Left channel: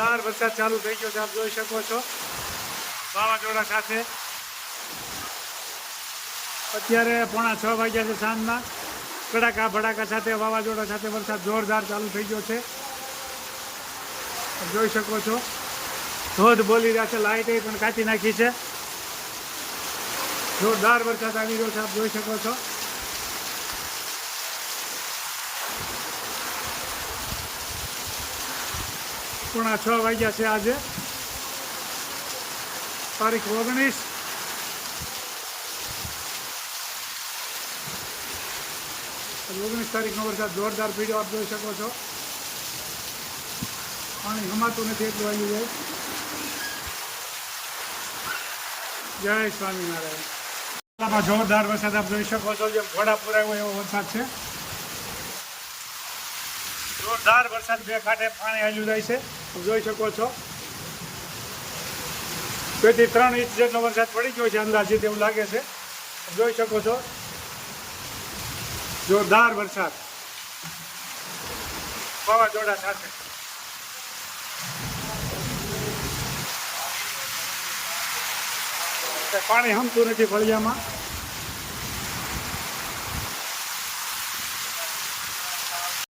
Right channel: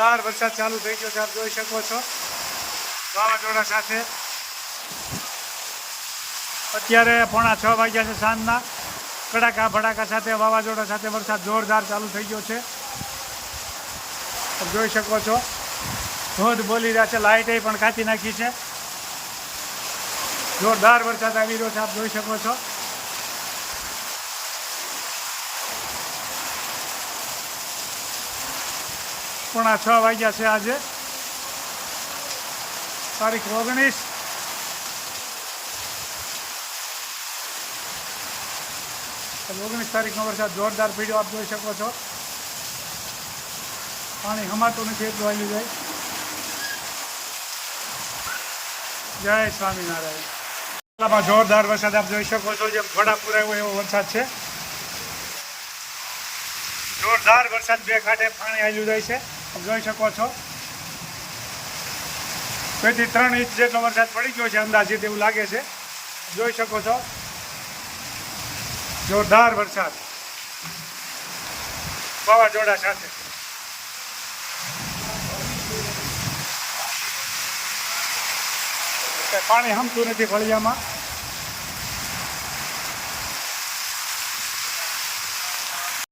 જોરદાર વરસાદ ચાલુ થઈ ગયો છે, આપ જોઈ શકો છો વાવાઝોડા સાથે। અત્યારે 5:45 વાગ્યા છે સાંજના। કડાકા ભડાકા સાથે વાવાઝોડા સાથે વરસાદ જોરદાર ચાલુ થઈ ગયો છે, આપ જોઈ શકો છો। ધોધ બોલી રહ્યા છે, લાઇટે પણ કાચી નાખી છે। જોરદાર વરસાદ આવી રહ્યો છે, આપ જોઈ શકો છો। પોણા 6 વાગ્યા છે આજે, તારીખ 19। આજે 19 તારીખનો વરસાદ જોરદાર પડ્યો, આપ જોઈ શકો છો। પાણી હમાતું નથી એટલું આવ્યું જાય। જય સ્વામિનારાયણ। જોરદાર વરસાદ આપ જોઈ શકો છો, જેમ ઘોડા પુરાયો એવો વરસાદ છે। જોરદાર વરસાદ, બે કાંઠે પાણી આવ્યું જાય છે, આપ જોઈ શકો છો। 2 થી 3 ઇંચ જેટલો વરસાદ પડી ગયો છે અંદાજિત, એવું લાગે છે, આપ જોઈ શકો છો। જોરદાર વરસાદ વાવાઝોડા સાથે। પાણી હમતું નથી ફળિયામાં।